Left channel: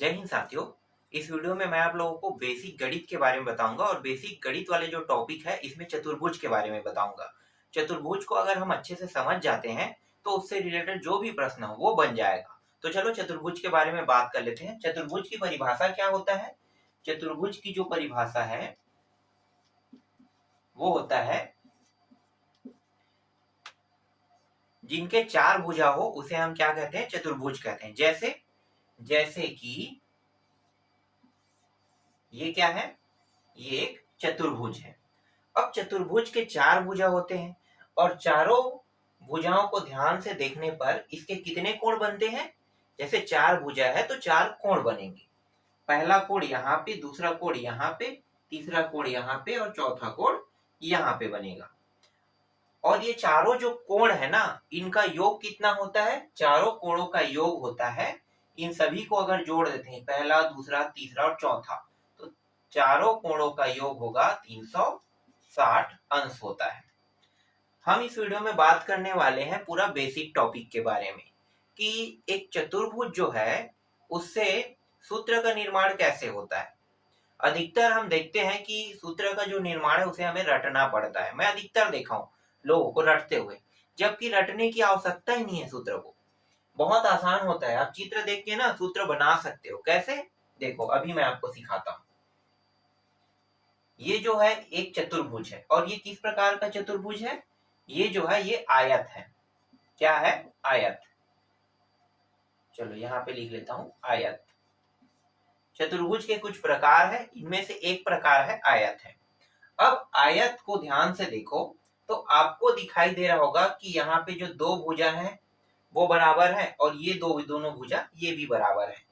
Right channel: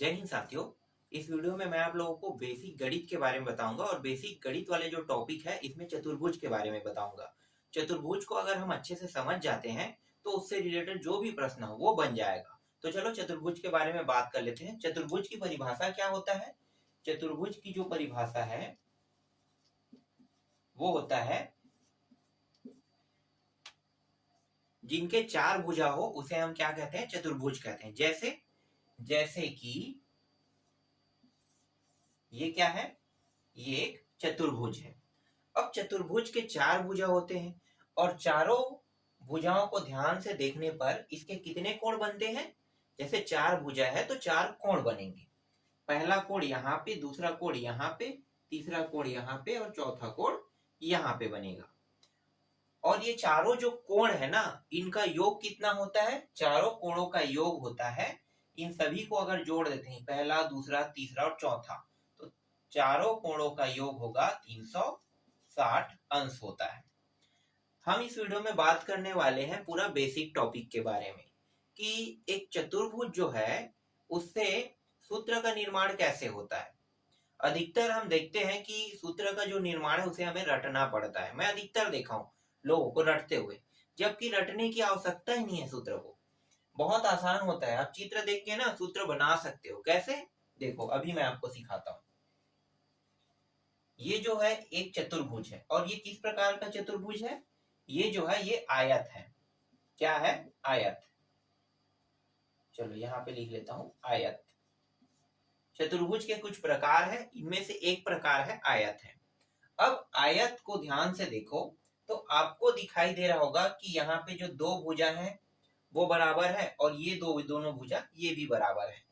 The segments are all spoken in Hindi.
जय हिंद साथियों। इस वीडियो में मैं आप लोगों को बेसिक गणित के बारे में बताऊंगा और बेसिक गणित वाले जो टॉपिक है इसमें चतुर्भुज के बारे में बताऊंगा। चतुर्भुज को अगर हम अच्छे से समझ जाते हैं तो उससे रिलेटेड जो भी प्रश्न हो वो बन जाएगा। तो चलो चतुर्भुज के बारे में बात कर लेते हैं। चतुर्भुज की परिभाषा क्या होता है? चतुर्भुज की जो परिभाषा है वो होता है जिनके चार भुजा हो उसे हम क्या कहते हैं? चतुर्भुज कहते हैं। जैसे जैसे कि ये क्या है? ये एक चतुर्भुज है। अब चतुर्भुज के चार भुजा होते हैं और चारों भुजाओं को ध्यान से देखने पर इसके कितने कोण बनते हैं? जैसे चार भुजा है तो चार कोण बनेंगे। पहला कोण यहाँ पे, दूसरा कोण यहाँ पे, तीसरा कोण यहाँ पे और चौथा कोण यहाँ पे बनेगा। और ये चारों जो कोण है ना, इनका योग कितना होता है? चारों कोणों का योग होता है, इन सभी को अगर जोड़ देते हैं, पहला, दूसरा, तीसरा और चौथा, तो चारों कोणों का योग होगा 360 अंश होता है। हम इस वीडियो में बात करने वाले हैं पूरा बेसिक टॉपिक के बारे में कि एक चतुर्भुज जो है उससे सूत्र का निर्माण कैसे होता है। अधिकतर हम देखते हैं कि सूत्र का जो निर्माण है उसे हमें रटना पड़ता है। मैं अधिकतर देखा हूं लोगों को रटते हुए, जबकि रटने की आवश्यकता ही नहीं है। सूत्र को बहुत आसान होता है। आप चित्र देख के ना सूत्र बना सकते हो। कैसे? देखो अभी मैं आपको सिखाता हूं। ये जो है एक चतुर्भुज है और ये किस प्रकार का चतुर्भुज है? ये जो है ये आयत है। क्या है? आयत। चलो यहाँ पे लिख लेता हूं आयत। चतुर्भुज के कुछ प्रकार है, इनमें से एक प्रकार है आयत है। अब आयत को ध्यान से देखो तो आपको दिखाई दे रहा होगा कि यहाँ पे जो दो भुजा है वो बराबर है और ये दोनों भुजा ये भी बराबर है।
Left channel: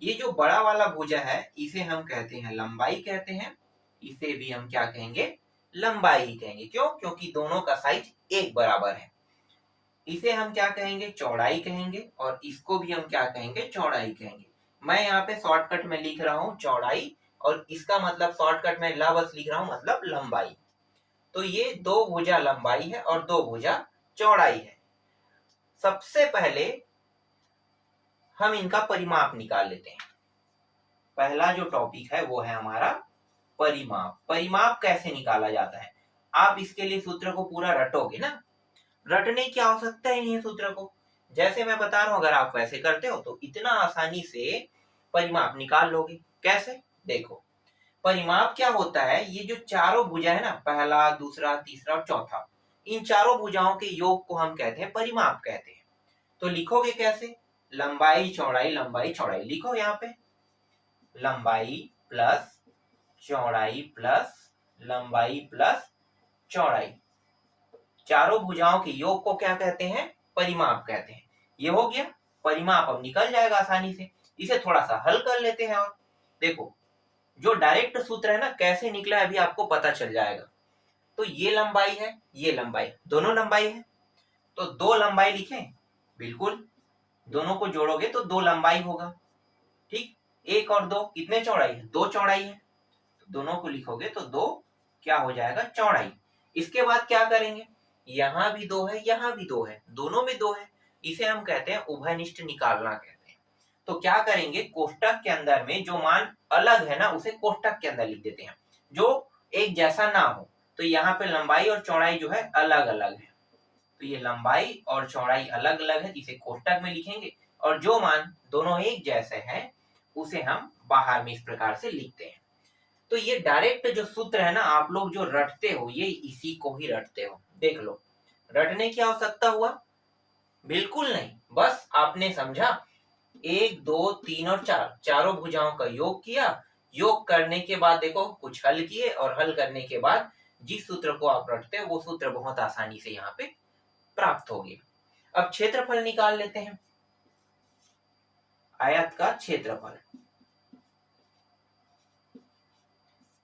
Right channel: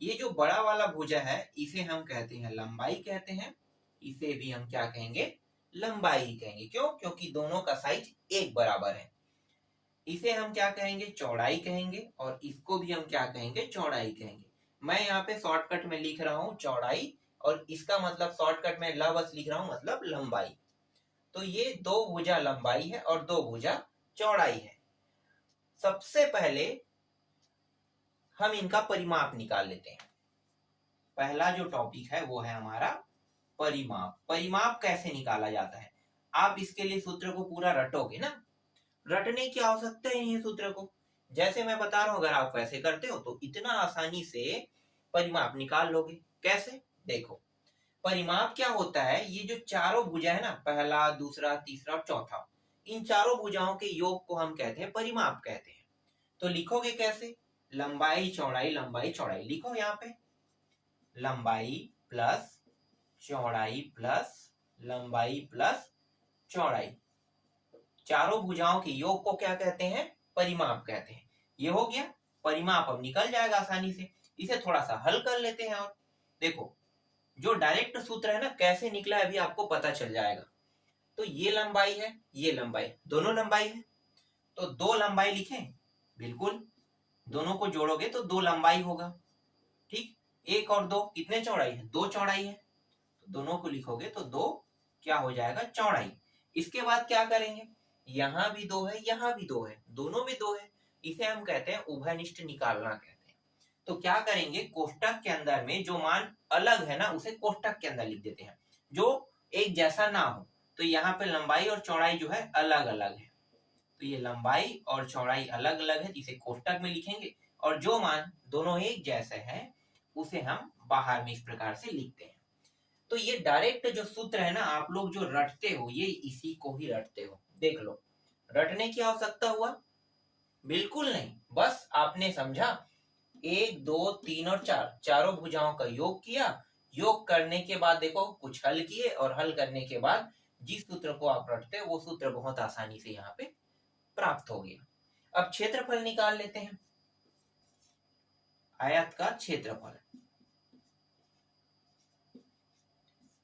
ये जो बड़ा वाला भुजा है इसे हम कहते हैं लंबाई कहते हैं। इसे भी हम क्या कहेंगे? लंबाई कहेंगे। क्यों? क्योंकि दोनों का साइज एक बराबर है। इसे हम क्या कहेंगे? चौड़ाई कहेंगे। और इसको भी हम क्या कहेंगे? चौड़ाई कहेंगे। मैं यहाँ पे शॉर्टकट में लिख रहा हूँ चौड़ाई और इसका मतलब शॉर्टकट में बस लिख रहा हूँ, मतलब लंबाई। तो ये दो भुजा लंबाई है और दो भुजा चौड़ाई है। सबसे पहले हम इनका परिमाप निकाल लेते हैं। पहला जो टॉपिक है वो है हमारा परिमाप। परिमाप कैसे निकाला जाता है? आप इसके लिए सूत्र को पूरा रटोगे ना, रटने की आवश्यकता ही नहीं है सूत्र को। जैसे मैं बता रहा हूं, अगर आप वैसे करते हो तो इतना आसानी से परिमाप निकाल लोगे। कैसे? देखो परिमाप क्या होता है? ये जो चारों भुजा है ना, पहला, दूसरा, तीसरा और चौथा, इन चारों भुजाओं के योग को हम कहते हैं परिमाप कहते हैं। तो लिखोगे कैसे? लंबाई चौड़ाई लंबाई चौड़ाई। लिखो यहाँ पे लंबाई प्लस चौड़ाई प्लस लंबाई प्लस चौड़ाई। चारों भुजाओं के योग को क्या कहते हैं? परिमाप कहते हैं। ये हो गया परिमाप। अब निकल जाएगा आसानी से। इसे थोड़ा सा हल कर लेते हैं और देखो जो डायरेक्ट सूत्र है ना, कैसे निकला अभी आपको पता चल जाएगा। तो ये लंबाई है, ये लंबाई, दोनों लंबाई है तो दो लंबाई लिखें। बिल्कुल, दोनों को जोड़ोगे तो दो लंबाई होगा। ठीक, एक और दो कितने चौड़ाई है? दो चौड़ाई है। तो दोनों को लिखोगे तो दो क्या हो जाएगा? चौड़ाई। इसके बाद क्या करेंगे? यहाँ भी दो है, यहाँ भी दो है, दोनों में दो है। इसे हम कहते हैं उभयनिष्ठ निकालना कहते हैं। तो क्या करेंगे? कोष्टक के अंदर में जो मान अलग है ना उसे कोष्टक के अंदर लिख देते हैं, जो एक जैसा ना हो। तो यहाँ पे लंबाई और चौड़ाई जो है अलग अलग है, तो ये लंबाई और चौड़ाई अलग अलग है, इसे कोष्टक में लिखेंगे। और जो मान दोनों एक जैसे हैं उसे हम बाहर में इस प्रकार से लिखते हैं। तो ये डायरेक्ट जो सूत्र है ना, आप लोग जो रटते हो ये इसी को ही रटते हो। देख लो, रटने की आवश्यकता हुआ? बिल्कुल नहीं। बस आपने समझा, एक, दो, तीन और चार, चारों भुजाओं का योग किया। योग करने के बाद देखो कुछ हल किए और हल करने के बाद जिस सूत्र को आप रटते हो वो सूत्र बहुत आसानी से यहाँ पे प्राप्त हो गया। अब क्षेत्रफल निकाल लेते हैं। आयत का क्षेत्रफल।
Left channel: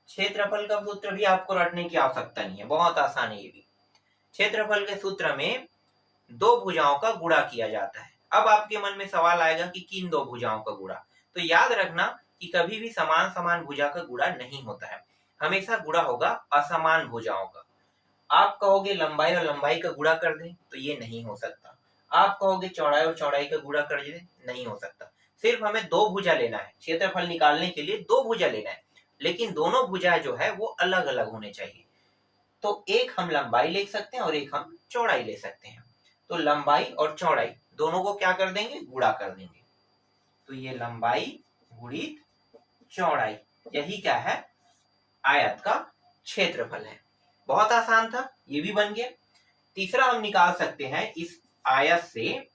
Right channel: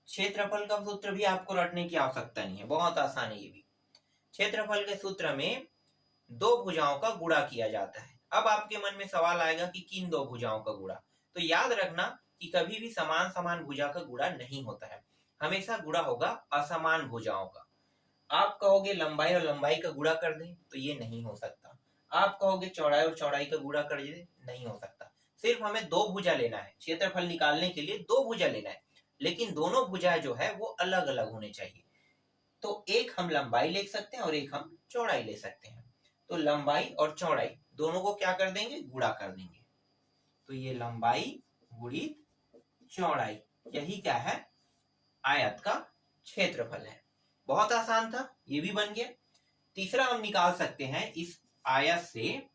क्षेत्रफल का सूत्र भी आपको रटने की आवश्यकता नहीं है, बहुत आसान है ये भी। क्षेत्रफल के सूत्र में दो भुजाओं का गुणा किया जाता है। अब आपके मन में सवाल आएगा कि किन दो भुजाओं का गुणा? तो याद रखना कि कभी भी समान समान भुजा का गुणा नहीं होता है, हमेशा गुणा होगा असमान भुजाओं का। आप कहोगे लंबाई और लंबाई का गुणा कर दें, तो ये नहीं हो सकता। आप कहोगे चौड़ाई और चौड़ाई का गुणा कर दें, नहीं हो सकता। सिर्फ हमें दो भुजा लेना है, क्षेत्रफल निकालने के लिए दो भुजा लेना है, लेकिन दोनों भुजा जो है वो अलग अलग होने चाहिए। तो एक हम लंबाई ले सकते हैं और एक हम चौड़ाई ले सकते हैं। तो लंबाई और चौड़ाई दोनों को क्या कर देंगे, गुणा कर देंगे। तो ये लंबाई गुणित चौड़ाई, यही क्या है, आयत का क्षेत्रफल है। बहुत आसान था, ये भी बन गया। तीसरा हम निकाल सकते हैं, इस आयत से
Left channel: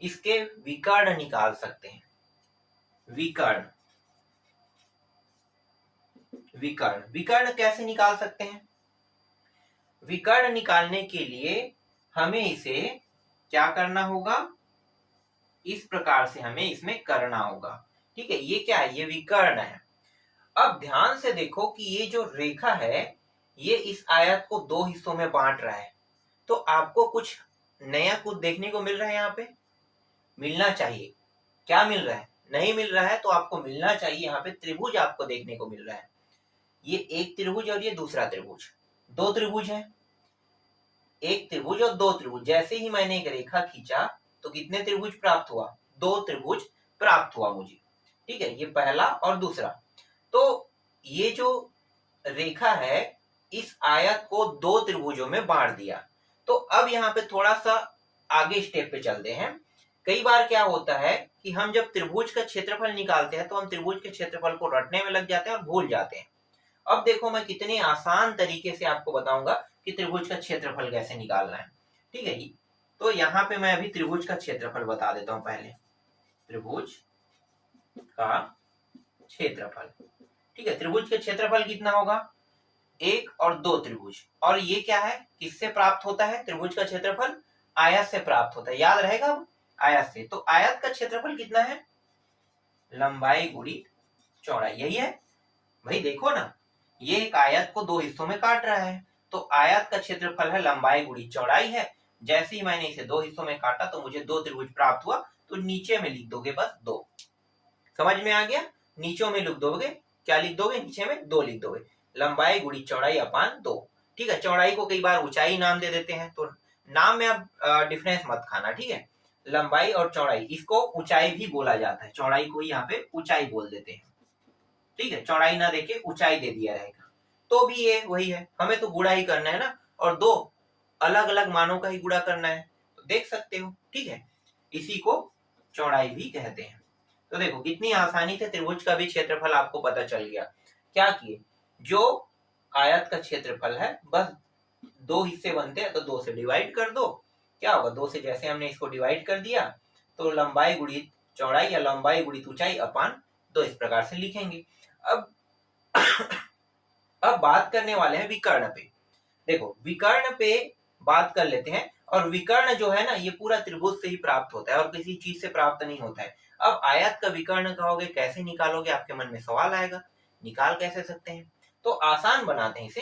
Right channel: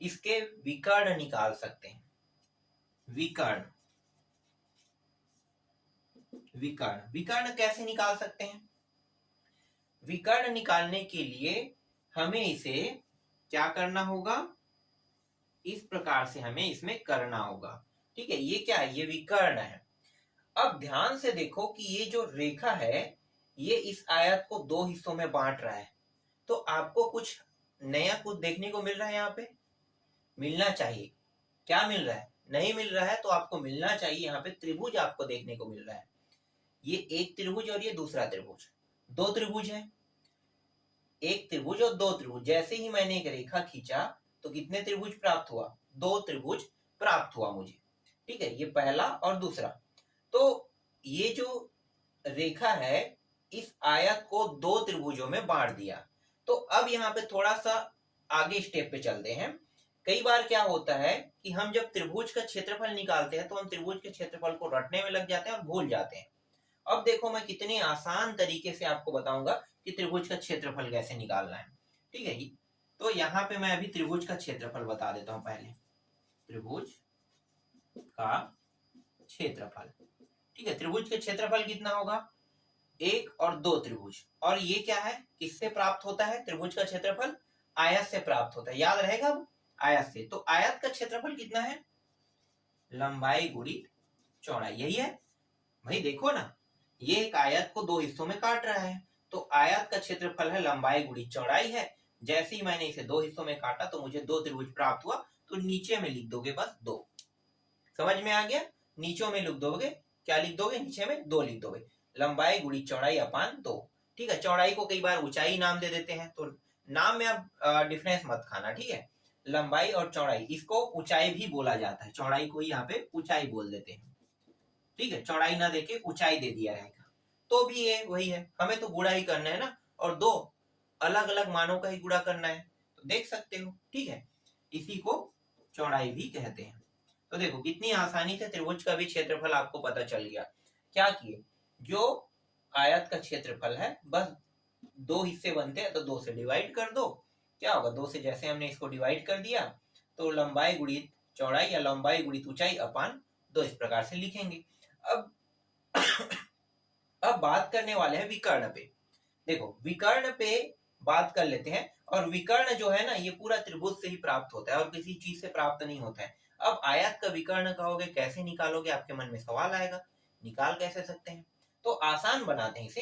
इसके विकर्ण निकाल सकते हैं। विकर्ण, विकर्ण विकर्ण कैसे निकाल सकते हैं? विकर्ण निकालने के लिए हमें इसे क्या करना होगा, इस प्रकार से हमें इसमें करना होगा। ठीक है, ये क्या है, ये विकर्ण है। अब ध्यान से देखो कि ये जो रेखा है ये इस आयत को दो हिस्सों में बांट रहा है। तो आपको कुछ नया कुछ देखने को मिल रहा है, यहाँ पे मिलना चाहिए। क्या मिल रहा है? नहीं मिल रहा है तो आपको मिलना चाहिए, यहाँ पे त्रिभुज आपको देखने को मिल रहा है। ये एक त्रिभुज और ये दूसरा त्रिभुज, दो त्रिभुज है। एक त्रिभुज और दो त्रिभुज, जैसे ही मैंने एक रेखा खींचा तो कितने त्रिभुज प्राप्त हुआ, दो त्रिभुज प्राप्त हुआ मुझे। ठीक है, ये पहला और दूसरा। तो ये जो रेखा है इस आयत को दो त्रिभुजों में बांट दिया। तो अब यहाँ पे थोड़ा सा आगे स्टेप पे चलते हैं। कई बार क्या होता है कि हम जब त्रिभुज का क्षेत्रफल निकालते हैं तो हम त्रिभुज के क्षेत्रफल को रटने में लग जाते हैं और भूल जाते हैं। अब देखो मैं कितने आसान तरीके से आपको बताऊंगा कि त्रिभुज का क्षेत्रफल कैसे निकालना है। ठीक है जी, तो यहाँ पे मैं अभी त्रिभुज का क्षेत्रफल बता देता हूँ। पहले त्रिभुज का क्षेत्रफल, ठीक है, त्रिभुज का क्षेत्रफल कितना होगा, एक और दो त्रिभुज। और ये क्या है, किससे प्राप्त होता है त्रिभुज का क्षेत्रफल, आयत से प्राप्त होता है, याद रहेगा अब, आयत से। तो आयत का क्षेत्रफल कितना है, लंबाई गुणित चौड़ाई, यही है भाई। देखो ना, ये एक आयत को दो हिस्सों में काट रहा है, तो आयत का क्षेत्रफल है लंबाई गुणित चौड़ाई है। जैसे ही मैंने इसे दो हिस्सों में काटा तो मुझे दो त्रिभुज प्राप्त हुआ। तो नीचे में लिख दोगे बस दो, समझ में आ गया। नीचे में लिख दोगे, क्या लिख दोगे, नीचे में दो लिख दोगे, लंबाई गुणित चौड़ाई अपान दो। ठीक है, चौड़ाई को कई बार ऊंचाई नाम दे देते हैं, तो नाम में अब डिफरेंस मत खाना। ठीक है, लंबाई और चौड़ाई, इसको ऊंचाई भी बोला जाता है, चौड़ाई को यहाँ पे ऊंचाई बोल देते हैं। ठीक है, चौड़ाई ना देके ऊंचाई दे दिया रहेगा, तो भी ये वही है, हमें तो गुणा ही करना है ना, और दो अलग अलग मानों का ही गुणा करना है, तो देख सकते हो। ठीक है, इसी को चौड़ाई भी कहते हैं। तो देखो कितनी आसानी से त्रिभुज का भी क्षेत्रफल आपको पता चल गया। क्या किए, जो आयत का क्षेत्रफल है बस दो हिस्से बनते हैं तो दो से डिवाइड कर दो, क्या होगा, दो से जैसे हमने इसको डिवाइड कर दिया तो लंबाई गुणित चौड़ाई या लंबाई गुणित ऊंचाई अपान दो, इस प्रकार से लिखेंगे। अब अब बात करने वाले हैं विकर्ण पे। देखो विकर्ण पे बात कर लेते हैं। और विकर्ण जो है ना, ये पूरा त्रिभुज से ही प्राप्त होता है और किसी चीज से प्राप्त नहीं होता है। अब आयत का विकर्ण कहोगे, कैसे निकालोगे, आपके मन में सवाल आएगा, निकाल कैसे सकते हैं। तो आसान बनाते हैं इसे।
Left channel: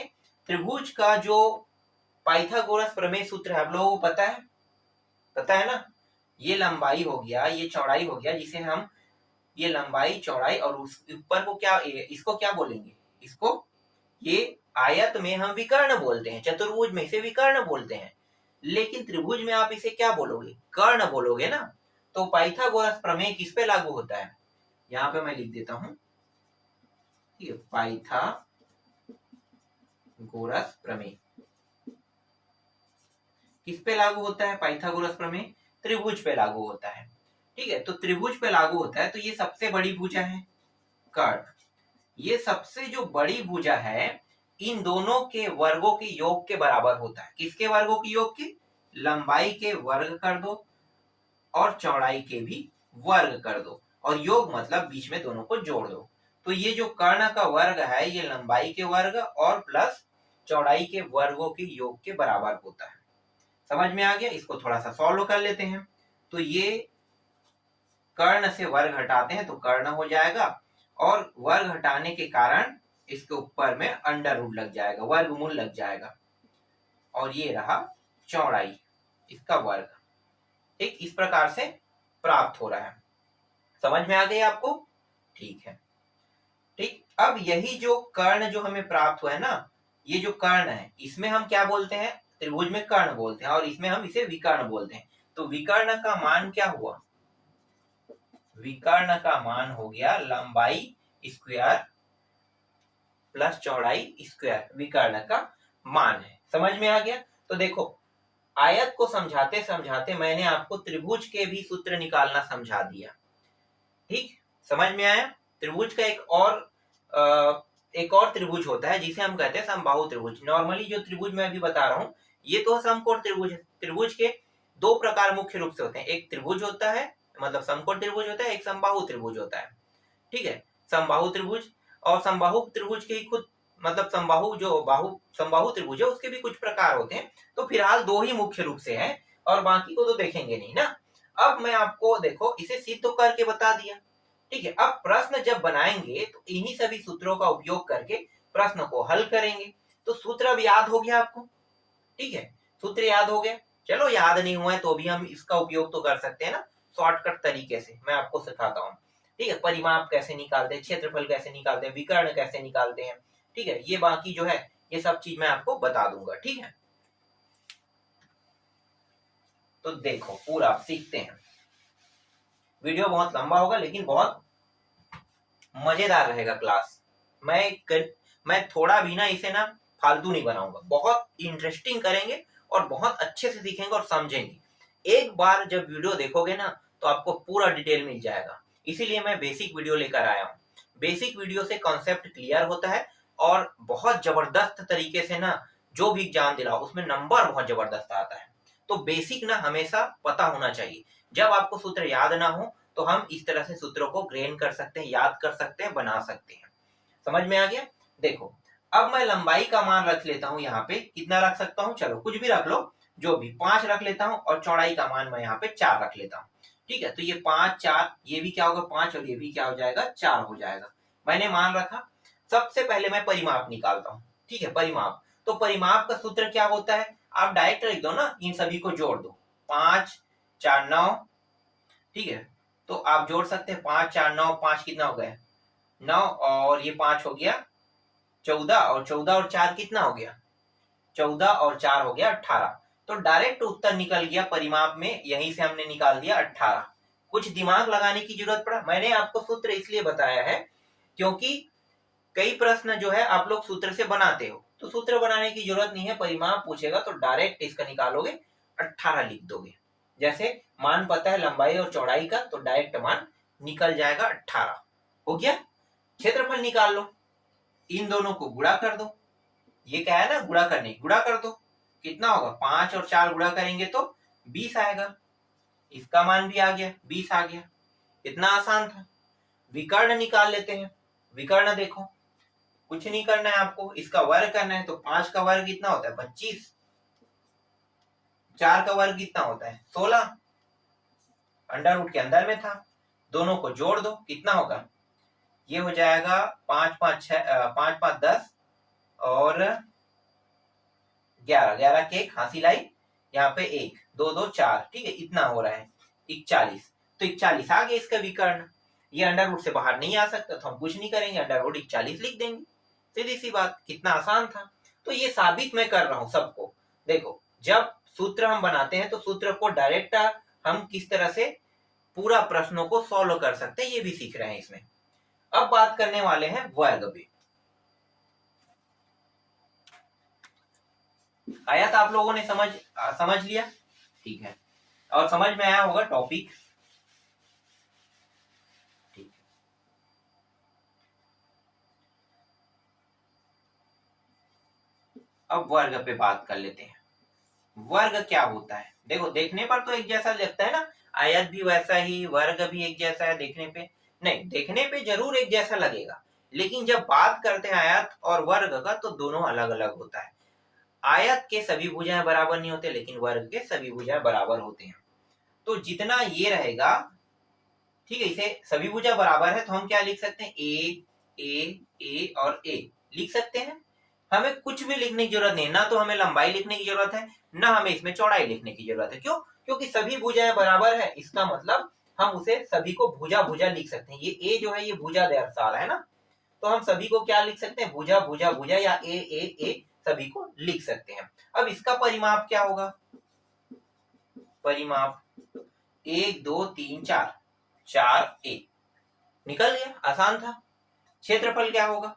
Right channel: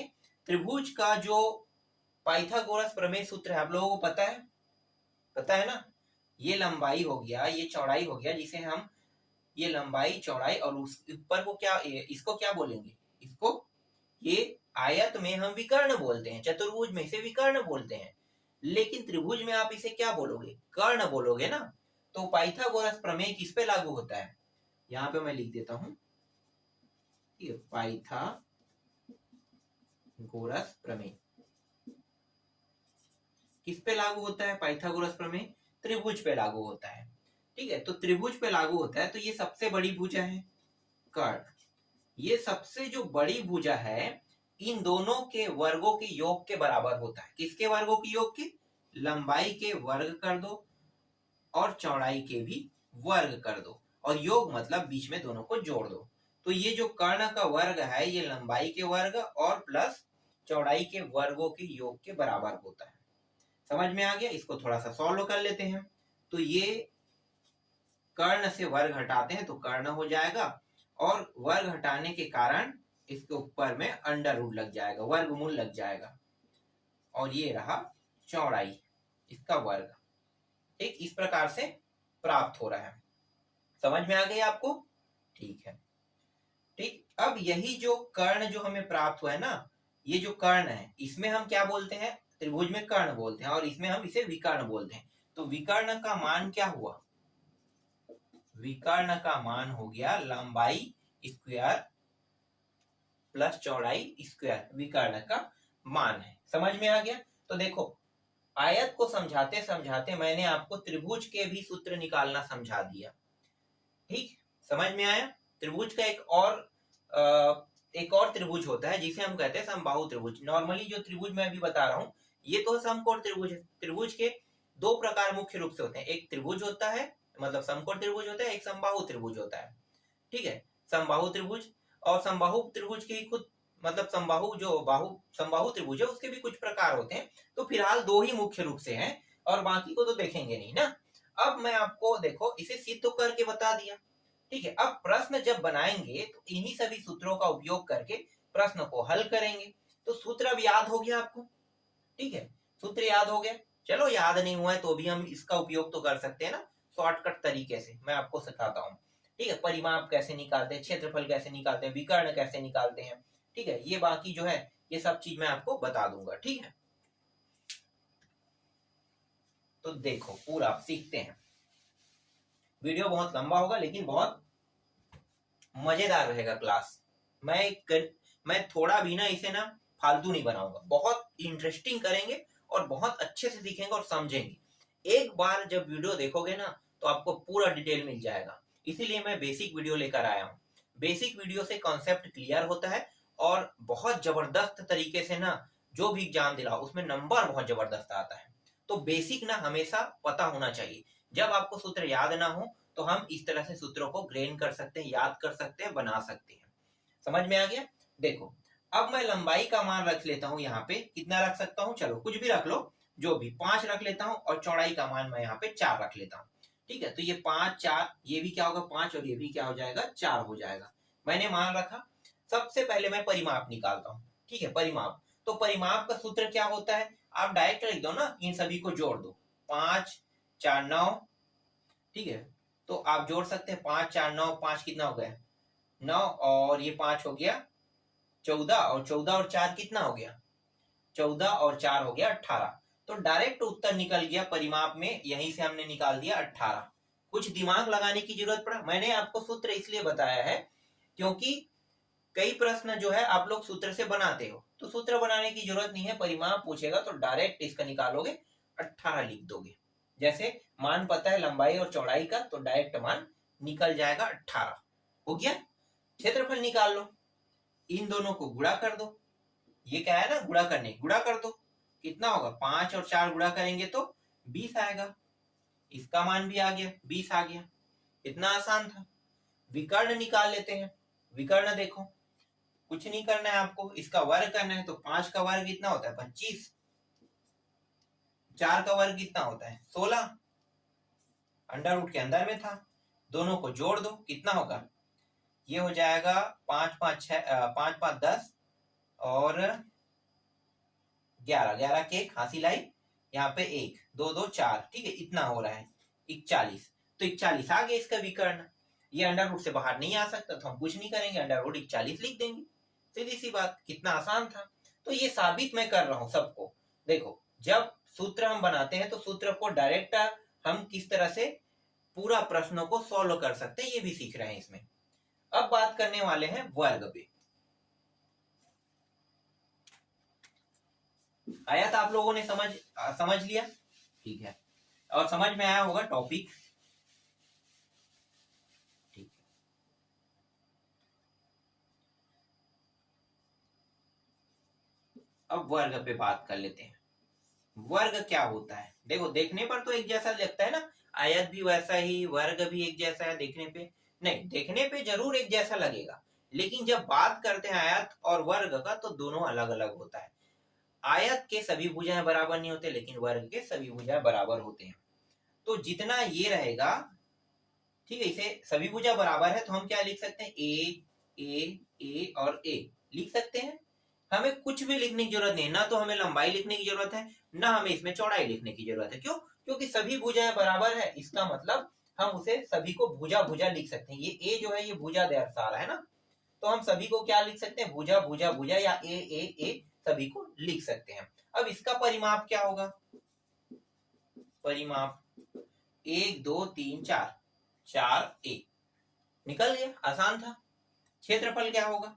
त्रिभुज का जो पाइथागोरस प्रमेय सूत्र है, आप लोगों को पता है ना, ये लंबाई हो गया, ये चौड़ाई हो गया, जिसे हम ये लंबाई चौड़ाई और उस ऊपर को क्या, इसको क्या बोलेंगे, इसको ये आयत में हम विकर्ण बोलते हैं, चतुर्भुज में इसे विकर्ण बोलते हैं। लेकिन त्रिभुज में आप इसे क्या बोलोगे, कर्ण बोलोगे ना। तो पाइथागोरस प्रमेय किस पे लागू होता है, यहाँ पे मैं लिख देता हूं, पाइथागोरस प्रमेय किस पे लागू होता है, पाइथागोरस प्रमेय त्रिभुज पे लागू होता है। ठीक है, तो त्रिभुज पे लागू होता है, तो ये सबसे बड़ी भुजा है कर्ण। ये सबसे जो बड़ी भुजा है इन दोनों के वर्गों के योग के बराबर होता है। किसके वर्गों के योग के, लंबाई के वर्ग कर दो और चौड़ाई के भी वर्ग कर दो, और योग मतलब बीच में दोनों को जोड़ दो। तो ये जो कर्ण का वर्ग है ये लंबाई के वर्ग और प्लस चौड़ाई के वर्गों के योग के बराबर होता है। समझ में आ गया। इसको थोड़ा सा सॉल्व कर लेते हैं। तो ये कर्ण से वर्ग हटाते हैं तो कर्ण हो जाएगा, और वर्ग हटाने के कारण इसके ऊपर में अंडर रूट लग जाएगा, वर्गमूल लग जाएगा, और ये रहा चौड़ाई, इसका वर्ग। ठीक, इस प्रकार से प्राप्त हो रहा है। समझ में आ गई आपको, ठीक है। ठीक, अब यही जो कर्ण जो हमें प्राप्त हुआ है ना, ये जो कर्ण है इसमें हम क्या बोलते हैं, त्रिभुज में कर्ण बोलते हैं, और इसमें हम इसे विकर्ण बोलते हैं। तो विकर्ण का मान क्या हुआ, विकर्ण का मान हो गया लंबाई स्क्वायर प्लस चौड़ाई स्क्वायर, विकर्ण का मान है। समझ में आ गया? तो देखो आयत को समझाते समझाते मैंने आपको त्रिभुज के भी सूत्र निकालना समझा दिया। ठीक, समझ में आया? त्रिभुज का एक और त्रिभुज होता है जिसे हम कहते हैं समबाहु त्रिभुज। नॉर्मली जो त्रिभुज मैं अभी बता रहा हूँ ये तो समकोण त्रिभुज है। त्रिभुज के दो प्रकार मुख्य रूप से होते हैं, एक त्रिभुज होता है मतलब समकोण त्रिभुज होता है, एक समबाहु त्रिभुज होता है। ठीक है, समबाहु त्रिभुज और समबाहु त्रिभुज के ही खुद मतलब समबाहु त्रिभुज है उसके भी कुछ प्रकार होते हैं। तो फिलहाल दो ही मुख्य रूप से हैं और बाकी को तो देखेंगे नहीं ना। अब मैं आपको देखो इसे सिद्ध तो करके बता दिया। ठीक है, अब प्रश्न जब बनाएंगे तो इन्हीं सभी सूत्रों का उपयोग करके प्रश्न को हल करेंगे। तो सूत्र अब याद हो गया आपको? ठीक है, सूत्र याद हो गया। चलो याद नहीं हुआ है तो भी हम इसका उपयोग तो कर सकते हैं ना शॉर्टकट तरीके से, मैं आपको सिखाता हूँ। ठीक है, परिमाप कैसे निकालते हैं, क्षेत्रफल कैसे निकालते हैं, विकर्ण कैसे निकालते हैं। ठीक है, ये बाकी जो है ये सब चीज मैं आपको बता दूंगा। ठीक है, तो देखो पूरा सीखते हैं। वीडियो बहुत लंबा होगा लेकिन बहुत मजेदार रहेगा क्लास। मैं थोड़ा भी ना इसे ना फालतू नहीं बनाऊंगा, बहुत इंटरेस्टिंग करेंगे और बहुत अच्छे से सीखेंगे और समझेंगे। एक बार जब वीडियो देखोगे ना तो आपको पूरा डिटेल मिल जाएगा, इसीलिए मैं बेसिक वीडियो लेकर आया हूँ। बेसिक वीडियो से कॉन्सेप्ट क्लियर होता है और बहुत जबरदस्त तरीके से ना जो भी एग्जाम दिलाओ उसमें नंबर बहुत जबरदस्त आता है। तो बेसिक ना हमेशा पता होना चाहिए। जब आपको सूत्र याद ना हो तो हम इस तरह से सूत्रों को ग्रेन कर सकते हैं, याद कर सकते हैं, बना सकते हैं। समझ में आ गया? देखो अब मैं लंबाई का मान रख लेता हूं, यहाँ पे कितना रख सकता हूँ, चलो कुछ भी रख लो, जो भी 5 रख लेता हूँ और चौड़ाई का मान मैं यहाँ पे 4 रख लेता हूँ। ठीक है, तो ये 5 4 ये भी क्या होगा 5 और ये भी क्या हो जाएगा 4 हो जाएगा। मैंने मान रखा। सबसे पहले मैं परिमाप निकालता हूँ। ठीक है, परिमाप, तो परिमाप का सूत्र क्या होता है, आप डायरेक्ट लिख दो ना, इन सभी को जोड़ दो। 5 4 9। ठीक है, तो आप जोड़ सकते हैं 5 4 9, 5 कितना हो गया 9 और ये 5 हो गया 14 और 14 और 4 कितना हो गया 14 और 4 हो गया 18। तो डायरेक्ट उत्तर निकल गया परिमाप में, यहीं से हमने निकाल दिया 18। कुछ दिमाग लगाने की जरूरत पड़ा? मैंने आपको सूत्र इसलिए बताया है क्योंकि कई प्रश्न जो है आप लोग सूत्र से बनाते हो, तो सूत्र बनाने की जरूरत नहीं है। परिमाप पूछेगा तो डायरेक्ट इसका निकालोगे 18 लिख दोगे। जैसे मान पता है लंबाई और चौड़ाई का तो डायरेक्ट मान निकल जाएगा 18। हो गया। क्षेत्रफल निकाल लो, इन दोनों को गुणा कर दो। ये क्या है ना गुणा करने, गुणा कर दो, कितना होगा 5 और 4 गुणा करेंगे तो 20 आएगा। इसका मान भी आ गया 20 आ गया। इतना आसान था। विकर्ण निकाल लेते हैं। विकर्ण देखो कुछ नहीं करना है आपको, इसका वर्ग करना है। तो 5 का वर्ग कितना होता है 25, 4 का वर्ग कितना होता है 16, अंडर रूट के अंदर में था। दोनों को जोड़ दो, कितना होगा ये हो जाएगा 5 5 5 5 10 और 11, 11 के खांसी लाई यहाँ पे 1 2 2 4। ठीक है, इतना हो रहा है 41। तो 41 आ गया इसका विकर्ण। ये अंडर रूट से बाहर नहीं आ सकता तो हम कुछ नहीं करेंगे, अंडर रूट 41 लिख देंगे। सीधी सी बात, कितना आसान था। तो ये साबित मैं कर रहा हूं सबको। देखो जब सूत्र हम बनाते हैं तो सूत्र को डायरेक्ट हम किस तरह से पूरा प्रश्नों को सॉल्व कर सकते हैं ये भी सीख रहे हैं इसमें। अब बात करने वाले हैं वर्ग पे। आया था आप लोगों ने समझ लिया? ठीक है, और समझ में आया होगा टॉपिक। ठीक है, अब वर्ग पे बात कर लेते हैं। वर्ग क्या होता है? देखो देखने पर तो एक जैसा लगता है ना, आयत भी वैसा ही, वर्ग भी एक जैसा है देखने पे। नहीं, देखने पे जरूर एक जैसा लगेगा लेकिन जब बात करते हैं आयत और वर्ग का तो दोनों अलग अलग होता है। आयत के सभी भुजाएं बराबर नहीं होते लेकिन वर्ग के सभी भुजाएं बराबर होते हैं। तो जितना ये रहेगा, ठीक है, इसे सभी भुजा बराबर है तो हम क्या लिख सकते हैं ए और ए लिख सकते हैं। हमें कुछ भी लिखने की जरूरत नहीं, ना तो हमें लंबाई लिखने की जरूरत है ना हमें इसमें चौड़ाई लिखने की जरूरत है। क्यों? क्योंकि सभी भुजाएं बराबर है, इसका मतलब हम उसे सभी को भुजा भुजा लिख सकते हैं। ये ए जो है ये भुजा दर्शा रहा है ना, तो हम सभी को क्या लिख सकते हैं भुजा भुजा भुजा या ए सभी को लिख सकते हैं। अब इसका परिमाप क्या होगा? परिमाप 1 2 3 4। 4a निकल गया, आसान था। क्षेत्रफल क्या होगा?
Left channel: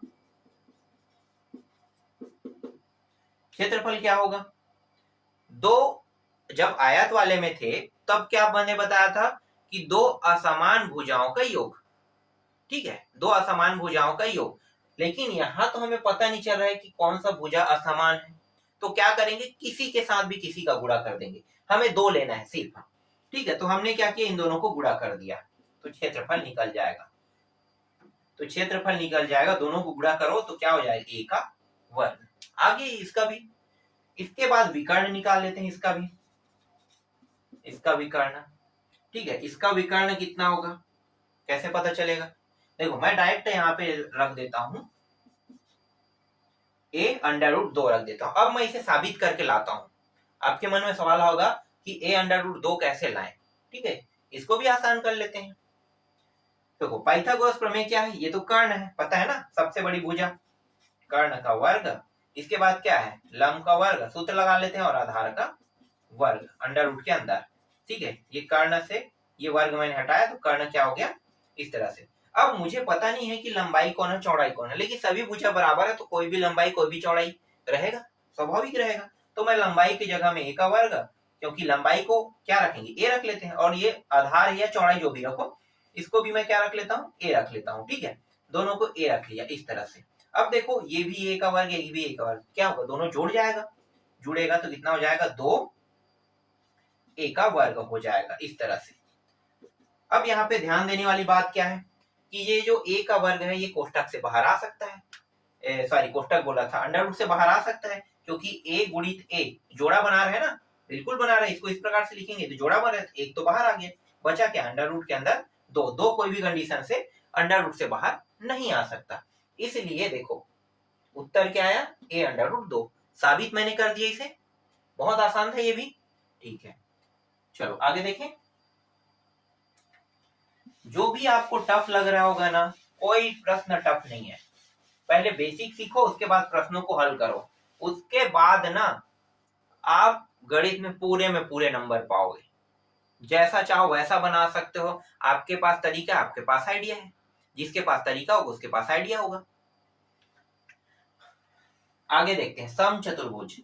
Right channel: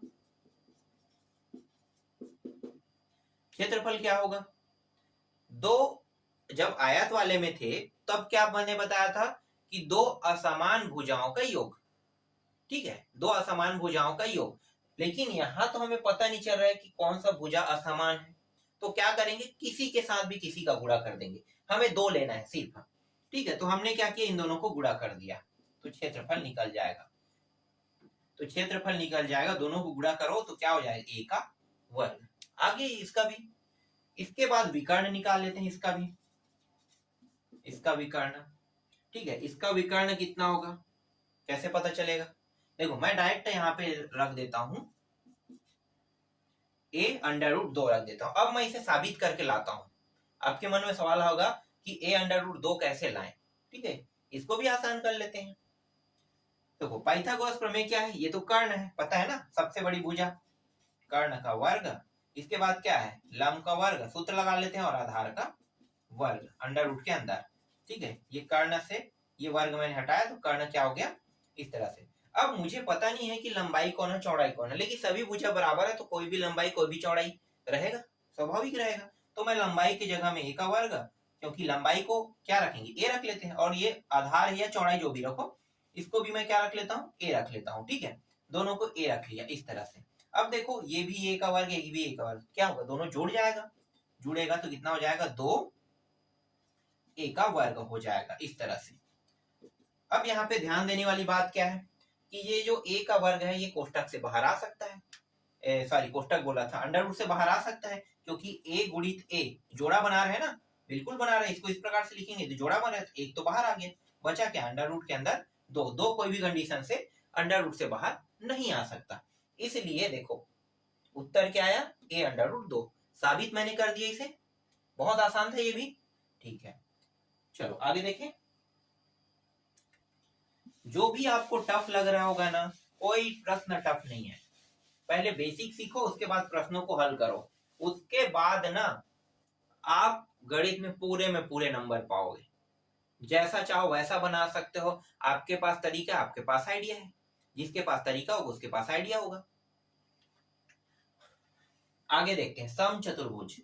क्षेत्रफल क्या होगा? दो जब आयत वाले में थे तब क्या मैंने बताया था कि दो असमान भुजाओं का योग, ठीक है, दो असमान भुजाओं का योग। लेकिन यहां तो हमें पता नहीं चल रहा है कि कौन सा भुजा असमान है, तो क्या करेंगे, किसी के साथ भी किसी का गुणा कर देंगे। हमें दो लेना है सिर्फ, ठीक है, तो हमने क्या किया, इन दोनों को गुणा कर दिया, तो क्षेत्रफल निकल जाएगा। तो क्षेत्रफल निकल जाएगा, दोनों को गुणा करो तो क्या हो जाएगा, ए का वर्ग। आगे इसका भी, इसके बाद विकर्ण निकाल लेते हैं, इसका भी, इसका विकर्ण, ठीक है, इसका विकर्ण कितना होगा, कैसे पता चलेगा? देखो मैं डायरेक्ट यहाँ पे रख देता हूं, a अंडर रूट 2 रख देता हूं। अब मैं इसे साबित करके लाता हूं। आपके मन में सवाल होगा कि a अंडर रूट 2 कैसे लाएं, ठीक है, इसको भी आसान कर लेते हैं। देखो पाइथागोरस प्रमेय क्या है, ये तो कर्ण है, पता है ना, सबसे बड़ी भुजा, कर्ण का वर्ग, इसके बाद क्या है, लंब का वर्ग, सूत्र लगा लेते हैं, और आधार का वर्ग अंडर रूट के अंदर, ठीक है। ये कर्ण से ये वर्ग मैंने हटाया तो कर्ण क्या हो गया, इस तरह से। अब मुझे पता नहीं है कि लंबाई कौन है चौड़ाई कौन है, लेकिन सभी भुजा बराबर है तो कोई भी लंबाई कोई भी चौड़ाई रहेगा, स्वाभाविक रहेगा। तो मैं लंबाई की जगह में ए का वर्ग, क्योंकि लंबाई को क्या रखेंगे, ए रख लेते हैं, और ये आधार या चौड़ाई जो भी रखो, इसको भी मैं क्या रख लेता हूँ, ए रख लेता हूँ, ठीक है, दोनों को ए रख लिया इस तरह से। अब देखो ये भी ए का वर्ग, ये भी ए का वर्ग, क्या होगा, दोनों जुड़ जाएगा, जुड़ेगा तो कितना हो जाएगा, 2 ए का वर्ग हो जाएगा इस तरह से। अब यहाँ पे ध्यान देने वाली बात क्या है कि ये जो ए का वर्ग है ये कोष्टक से बाहर आ सकता है, सॉरी कोष्टक बोला था, अंडर रूट से बाहर आ सकता है, क्योंकि ए गुणित ए जोड़ा बना रहे हैं ना, बिल्कुल बना रहे हैं, इसको इस प्रकार से लिखेंगे तो जोड़ा बना रहे, एक तो बाहर आ गया, बचा क्या, अंडर रूट के अंदर दो, दो कोई भी कंडीशन से अंडर रूट से बाहर नहीं आ सकता, इसलिए देखो उत्तर क्या आया, ए अंडर रूट 2, साबित मैंने कर दिया इसे, बहुत आसान था ये भी, ठीक है। चलो आगे देखें, जो भी आपको टफ लग रहा होगा ना, कोई प्रश्न टफ नहीं है, पहले बेसिक सीखो, उसके बाद प्रश्नों को हल करो, उसके बाद ना आप गणित में पूरे नंबर पाओगे, जैसा चाहो वैसा बना सकते हो, आपके पास तरीका, आपके पास आइडिया है, जिसके पास तरीका होगा उसके पास आइडिया होगा। आगे देखते हैं, समचतुर्भुज,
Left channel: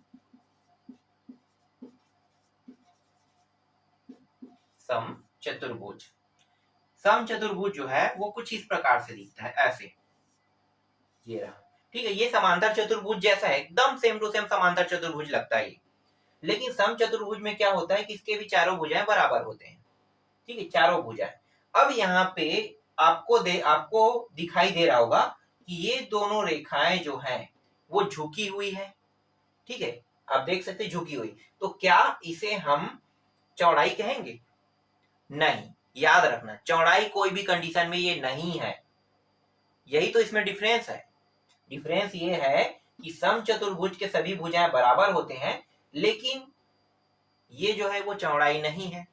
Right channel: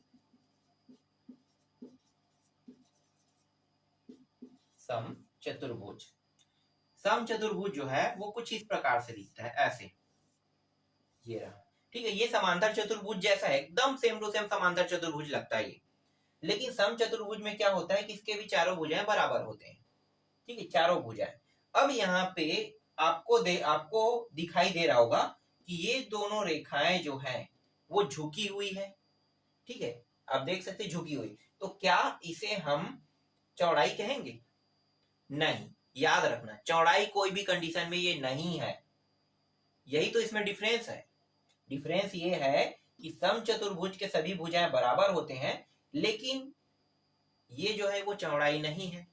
समचतुर्भुज, समचतुर्भुज जो है वो कुछ इस प्रकार से दिखता है, ऐसे, ये रहा, ठीक है, ये समांतर चतुर्भुज जैसा है, एकदम सेम टू सेम समांतर चतुर्भुज लगता है ये। लेकिन समचतुर्भुज में क्या होता है कि इसके भी चारों भुजाएं बराबर होते हैं, ठीक है, चारों भुजाएं। अब यहाँ पे आपको दिखाई दे रहा होगा कि ये दोनों रेखाएं जो हैं वो झुकी हुई है, ठीक है, आप देख सकते झुकी हुई, तो क्या इसे हम चौड़ाई कहेंगे? नहीं, याद रखना चौड़ाई कोई भी कंडीशन में ये नहीं है, यही तो इसमें डिफरेंस है। डिफरेंस ये है कि समचतुर्भुज के सभी भुजाएं बराबर होते हैं, लेकिन ये जो है वो चौड़ाई नहीं है,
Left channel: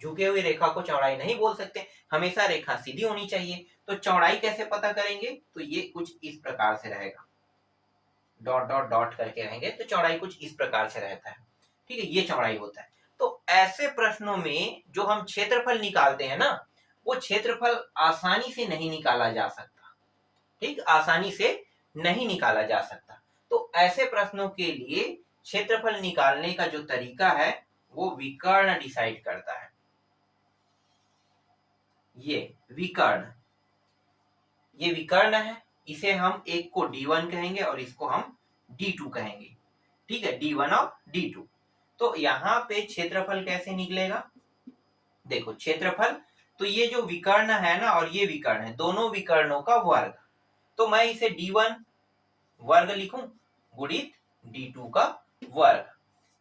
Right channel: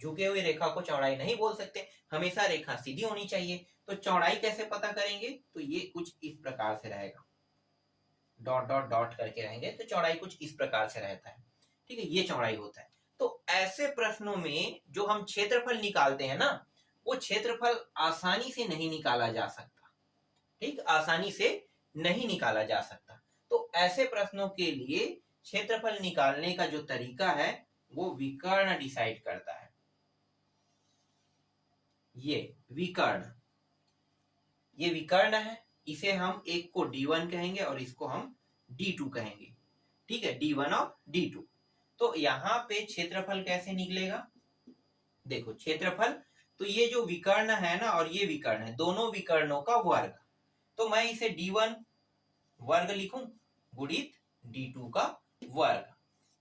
झुकी हुई रेखा को चौड़ाई नहीं बोल सकते, हमेशा रेखा सीधी होनी चाहिए। तो चौड़ाई कैसे पता करेंगे, तो ये कुछ इस प्रकार से रहेगा, डॉट डॉट डॉट करके रहेंगे, तो चौड़ाई कुछ इस प्रकार से रहता है, ठीक है, ये चौड़ाई होता है। तो ऐसे प्रश्नों में जो हम क्षेत्रफल निकालते हैं ना, वो क्षेत्रफल आसानी से नहीं निकाला जा सकता, ठीक, आसानी से नहीं निकाला जा सकता। तो ऐसे प्रश्नों के लिए क्षेत्रफल निकालने का जो तरीका है वो विकर्ण डिसाइड करता है। ये विकर्ण, ये विकर्ण है, इसे हम एक को D1 कहेंगे और इसको हम D2 कहेंगे, ठीक है, D1 और D2। तो यहाँ पे क्षेत्रफल कैसे निकलेगा, देखो क्षेत्रफल, तो ये जो विकर्ण है ना और ये विकर्ण है, दोनों विकर्णों का वर्ग, तो मैं इसे D1 वर्ग लिखूं गुणित D2 का वर्ग,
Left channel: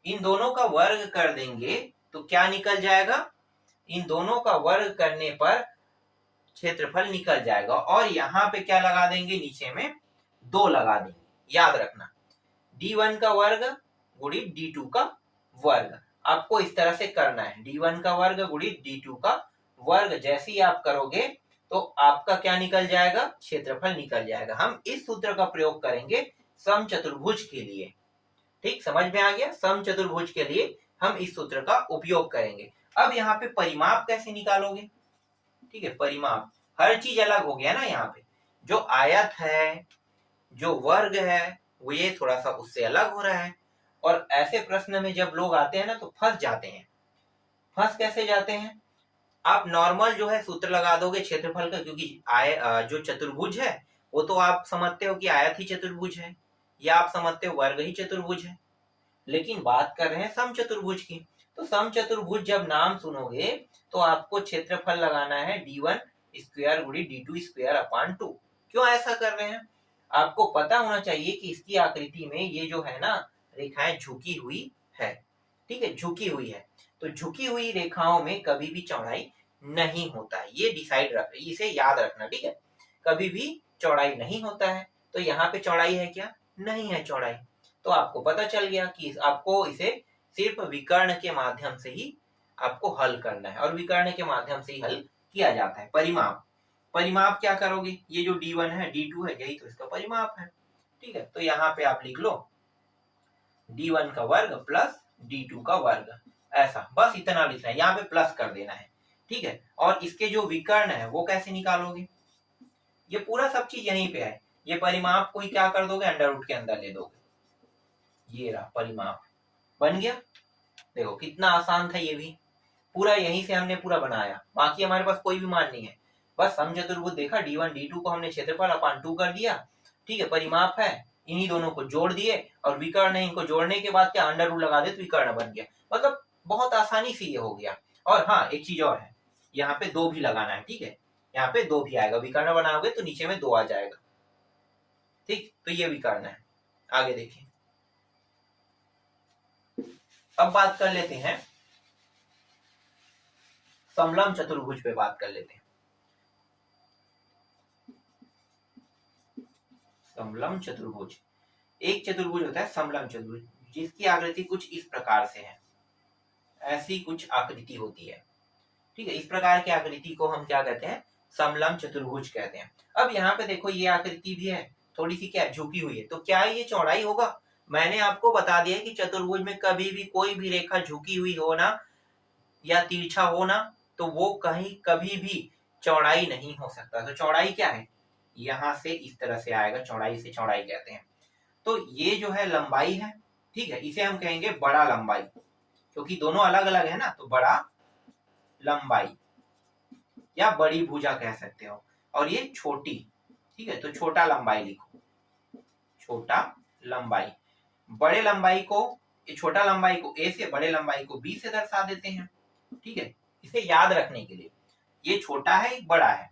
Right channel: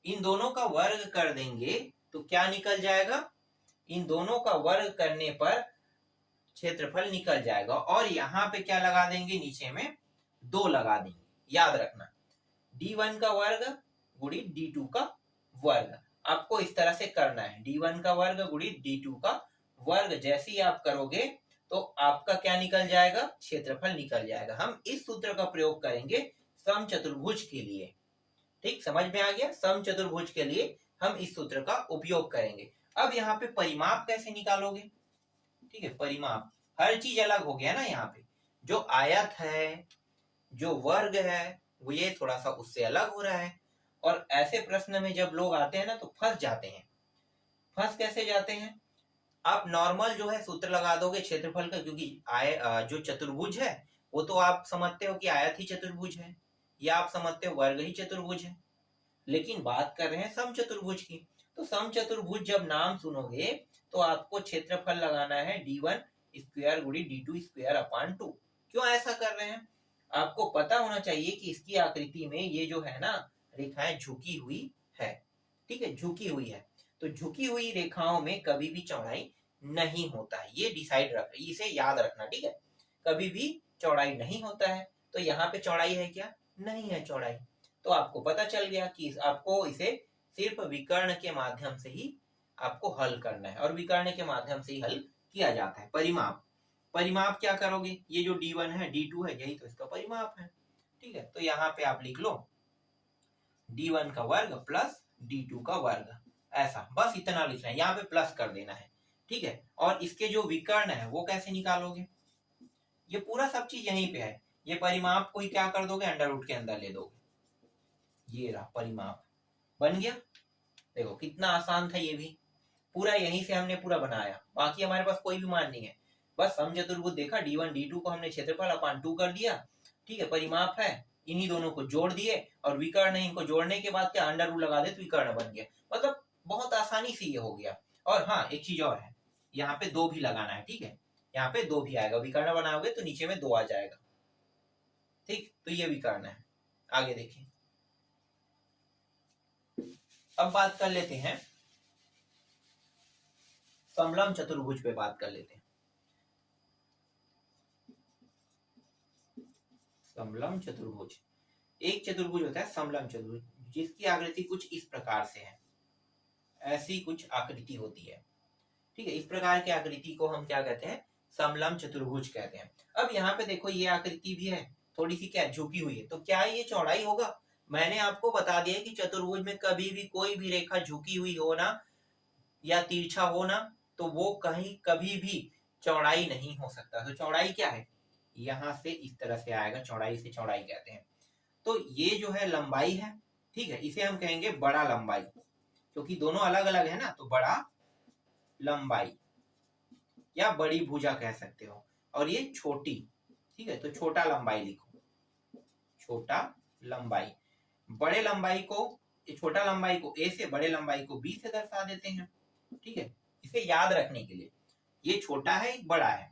इन दोनों का वर्ग कर देंगे तो क्या निकल जाएगा, इन दोनों का वर्ग करने पर क्षेत्रफल निकल जाएगा, और यहाँ पे क्या लगा देंगे, नीचे में 2 लगा देंगे, याद रखना D1 का वर्ग गुणित D2 का वर्ग, आपको इस तरह से करना है, D1 का वर्ग गुणित D2 का वर्ग, जैसे ही आप करोगे तो आपका क्या निकल जाएगा, क्षेत्रफल निकल जाएगा। हम इस सूत्र का प्रयोग करेंगे समचतुर्भुज के लिए, ठीक, समझ में आ गया, समचतुर्भुज के लिए हम इस सूत्र का उपयोग करेंगे। अब यहाँ पे परिमाप कैसे निकालोगे, ठीक है, परिमाप, हर चीज अलग हो गया ना यहाँ पे। जो आयत है, जो वर्ग है, वो ये थोड़ा सा उससे अलग हो रहा है। और ऐसे प्रश्न में जब लोग आते हैं ना तो फंस जाते हैं। फंस कैसे जाते हैं? आप नॉर्मल जो है सूत्र लगा दोगे क्षेत्रफल का, क्योंकि जो चतुर्भुज है वो तो आप समझते हो कि आयत ही चतुर्भुज है, या आप समझते हो वर्ग ही चतुर्भुज है। लेकिन बात कर रहे हैं समचतुर्भुज की। तो समचतुर्भुज जब नाम सुनोगे तो आपको क्षेत्रफल लगाना है d1 स्क्वायर गुणी d2 स्क्वायर अपान 2। क्यों ऐसा कर रहे हैं? आपको पता होना चाहिए कि इसकी आकृति में ये जो है ना रेखाएं झुकी हुई है, ठीक है, झुकी हुई है। तो झुकी हुई रेखाओं में कभी भी चौड़ाई नहीं होता है, ये डिसाइड रख, इसे याद रखना, ठीक है। कभी भी चौड़ाई नहीं होता है। तो यहाँ पे चौड़ाई है क्या? नहीं है चौड़ाई। तो आपको पता चल गया कि आपको इसे सिर्फ विकर्ण के माध्यम से ही आपको हल करना है, और विकर्ण के माध्यम से ही हल किया जाता है। परिमाप, परिमाप क्या करोगे? ये जो d1 है d2 है, यही तो इसका परिमाप है, ठीक है। तो यहाँ पे आप लिख लो d1 का वर्ग प्लस d2 का वर्ग, ऐसा बस इतना लिखना है, यहाँ पे प्लस कर देना है, ठीक है। और इसके जो विकर्ण है वो कैसे निकालोगे? ये पूरा सब चीज यहीं पे है। ये परिमाप को ही क्या कर दोगे? अंडर रूट के अंदर ले दोगे। ये रहा परिमाप, बन गया। देखो कितना आसान था ये भी, पूरा यहीं से हमने पूरा बनाया। बाकी हमारे पास कोई भी मान नहीं है, बस समचतुर्भुज देखा, d1 d2 को हमने क्षेत्रफल अपान 2 कर दिया, ठीक है। परिमाप है, इन्हीं दोनों को जोड़ दिए, और विकर्ण है, इनको जोड़ने के बाद क्या अंडर रूट लगा दे तो विकर्ण बन गया। मतलब बहुत आसानी से ये हो गया। और हाँ, एक चीज और है, यहाँ पे 2 भी लगाना है, ठीक है। यहाँ पे 2 भी आएगा, विकर्ण बनाओगे तो नीचे में 2 आ जाएगा, ठीक। तो ये विकर्ण है। आगे देखिए, अब बात कर लेते हैं समलंब चतुर्भुज पे बात कर लेते हैं। समलंब चतुर्भुज, एक चतुर्भुज होता है समलंब चतुर्भुज, जिसकी आकृति कुछ इस प्रकार से है, ऐसी कुछ आकृति होती है, ठीक है। इस प्रकार की आकृति को हम क्या कहते हैं? समलंब चतुर्भुज कहते हैं। अब यहाँ पे देखो ये आकृति भी है, थोड़ी सी क्या झुकी हुई है, तो क्या ये चौड़ाई होगा? मैंने आपको बता दिया कि चतुर्भुज में कभी भी कोई भी रेखा झुकी हुई हो ना, या तिरछा हो ना, तो वो कहीं कभी भी चौड़ाई नहीं हो सकता। तो चौड़ाई क्या है? यहां से इस तरह से आएगा, चौड़ाई से चौड़ाई कहते हैं। तो ये जो है लंबाई है, ठीक है, इसे हम कहेंगे बड़ा लंबाई, क्योंकि दोनों अलग अलग है ना, तो बड़ा लंबाई या बड़ी भुजा कह सकते हो। और ये छोटी, ठीक है, तो छोटा लंबाई लिखो, छोटा लंबाई। बड़े लंबाई को, छोटा लंबाई को ए से, बड़े लंबाई को बी से दर्शा देते हैं, ठीक है, इसे याद रखने के लिए। ये छोटा है, एक बड़ा है,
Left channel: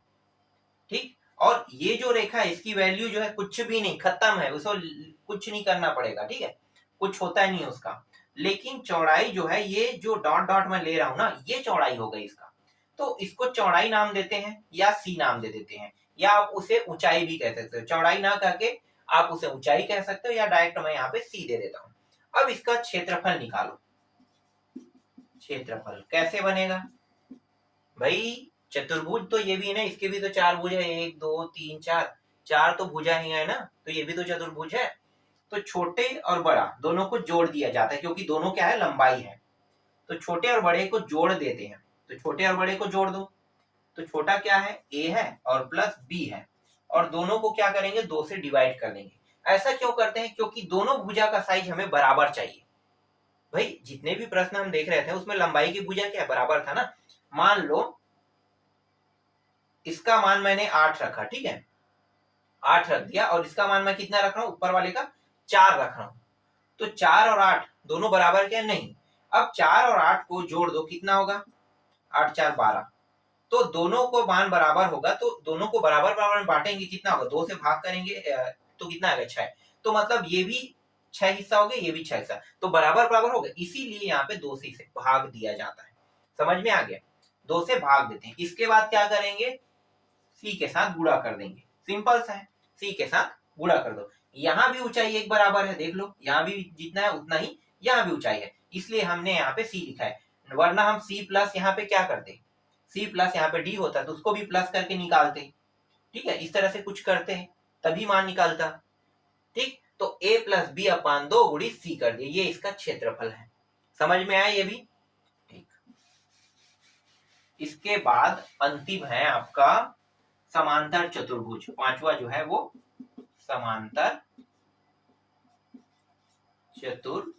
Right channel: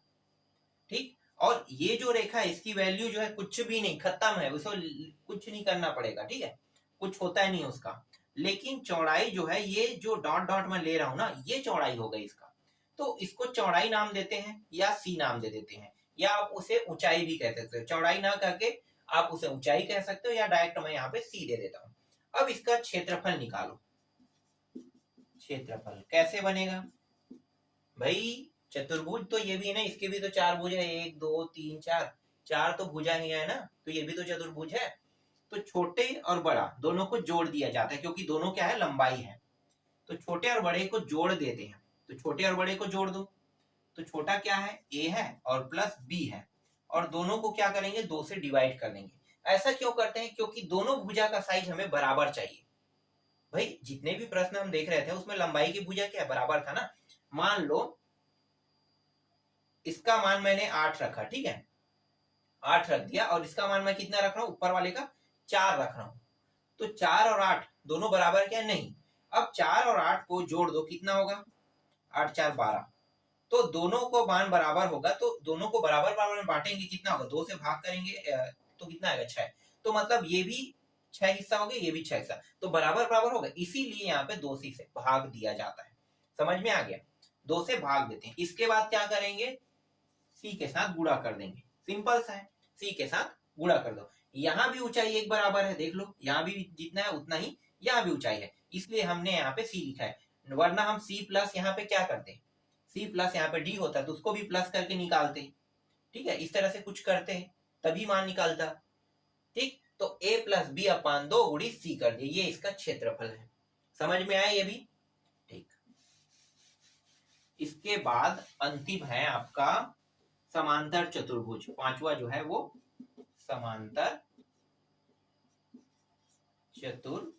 ठीक। और ये जो रेखा है इसकी वैल्यू जो है कुछ भी नहीं, खत्म है, उसको कुछ नहीं करना पड़ेगा, ठीक है, कुछ होता नहीं उसका। लेकिन चौड़ाई जो है, ये जो डॉट डॉट में ले रहा हूं ना, ये चौड़ाई हो गई इसका। तो इसको चौड़ाई नाम देते हैं, या सी नाम दे देते हैं, या आप उसे ऊंचाई भी कह सकते हो। चौड़ाई ना कहके आप उसे ऊंचाई कह सकते हो, या डायरेक्ट मैं यहाँ पे सी दे देता हूँ। अब इसका क्षेत्रफल निकालो। क्षेत्रफल कैसे बनेगा भाई? चतुर्भुज तो ये भी ना, इसके भी तो 4 भुजा, 1 2 3 4, 4 तो भुजा ही है ना, तो ये भी तो चतुर्भुज है। तो छोटे और बड़ा दोनों को जोड़ दिया जाता है, क्योंकि दोनों क्या है? लंबाई है। तो छोटे और बड़े को जोड़ देते हैं, तो छोटे और बड़े को जोड़ दो। तो छोटा क्या है? a है, और प्लस b है, और दोनों को क्या करेंगे? 2 से डिवाइड कर देंगे। ऐसा क्यों करते हैं? क्योंकि दोनों भुजा का साइज हमें बराबर चाहिए। भाई जितने भी प्रश्न हम देख रहे थे उसमें लंबाई की भुजा क्या बराबर था ना। मान लो इसका मान मैंने 8 रखा, ठीक है, 8 रख दिया, और इसका मान मैं कितना रख रहा हूं? ऊपर वाले का 4 रख रहा हूं। तो 4 और 8 दोनों बराबर क्या? नहीं। अब 4 और 8 को जोड़ दो, कितना होगा? 8 4 12। तो दोनों को मान बराबर होगा, तो दोनों को बराबर बराबर बांटेंगे, कितना होगा? 2 से भाग करेंगे तो कितना आएगा? 6। तो मतलब ये भी 6 हिस्सा हो गया, ये भी 6 हिस्सा, तो बराबर बराबर हो गया। इसीलिए यहाँ पे 2 से भाग दिया जाता है। समझ में आ गया? 2 से भाग देते हैं। इसके बाद क्या करेंगे? सी के साथ गुणा कर देंगे, सिंपल सा है, सी के साथ गुणा कर दो। यहाँ भी ऊंचाई एक बराबर है, देख लो, यहाँ भी जितना है उतना ही यहाँ भी ऊंचाई है, इसलिए हमने यहाँ पे सी लिखा है। वरना हम सी प्लस यहाँ पे क्या करते? सी प्लस यहाँ पे डी होता तो उसको भी प्लस करके निकालते, ठीक है, इस तरह से कुछ करते हैं तभी मान निकालता, ठीक। तो a प्लस बी अपान 2 गुणी सी कर दिए, ये इसका क्षेत्रफल है। समझ में आया ये भी? ठीक। इसके बाद अंतिम है आपका समांतर चतुर्भुज। पांचवा जो है वो समांतर चतुर्भुज।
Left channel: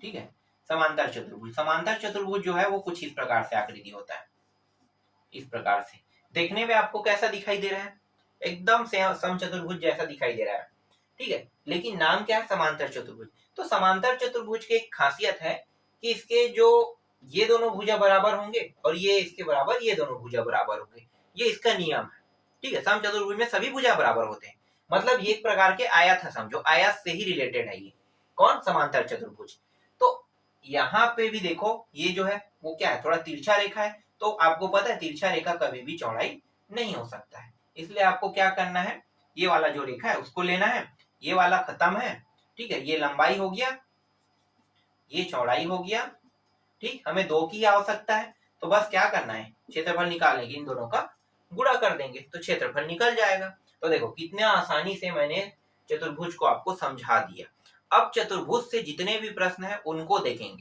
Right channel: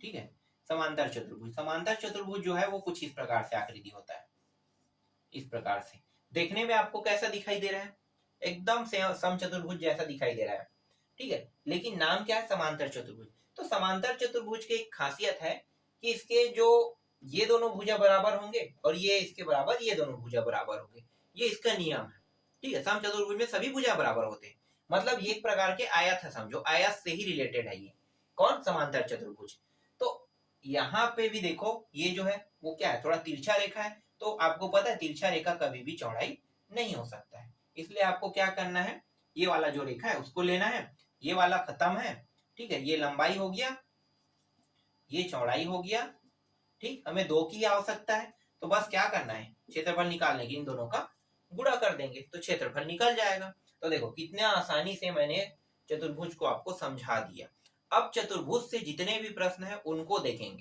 ठीक है, समांतर चतुर्भुज। समांतर चतुर्भुज जो है वो कुछ इस प्रकार से आकृति होता है, इस प्रकार से। देखने में आपको कैसा दिखाई दे रहा है? एकदम से समचतुर्भुज जैसा दिखाई दे रहा है। ठीक है, लेकिन नाम क्या है? समांतर चतुर्भुज। तो समांतर चतुर्भुज की एक खासियत है कि इसके जो ये दोनों भुजा बराबर होंगे और ये इसके बराबर, ये दोनों भुजा बराबर होंगे, ये इसका नियम है। ठीक है, समचतुर्भुज में सभी भुजा बराबर होते हैं, मतलब ये एक प्रकार के आयत है, समझो आयत से ही रिलेटेड है ये। कौन? समांतर चतुर्भुज। तो यहाँ पे भी देखो, ये जो है वो क्या है? थोड़ा तिरछा रेखा है। तो आपको पता है तिरछा रेखा कभी भी चौड़ाई नहीं हो सकता है, इसलिए आपको क्या करना है? ये वाला जो रेखा है उसको लेना है, ये वाला खत्म है। ठीक है, ये लंबाई हो गया, ये चौड़ाई हो गया। ठीक, हमें दो की आवश्यकता है, तो बस क्या करना है? क्षेत्रफल निकालने की इन दोनों का गुणा कर देंगे तो क्षेत्रफल निकल जाएगा। तो देखो कितने आसानी से मैंने चतुर्भुज को आपको समझा दिया। अब चतुर्भुज से जितने भी प्रश्न है उनको देखेंगे।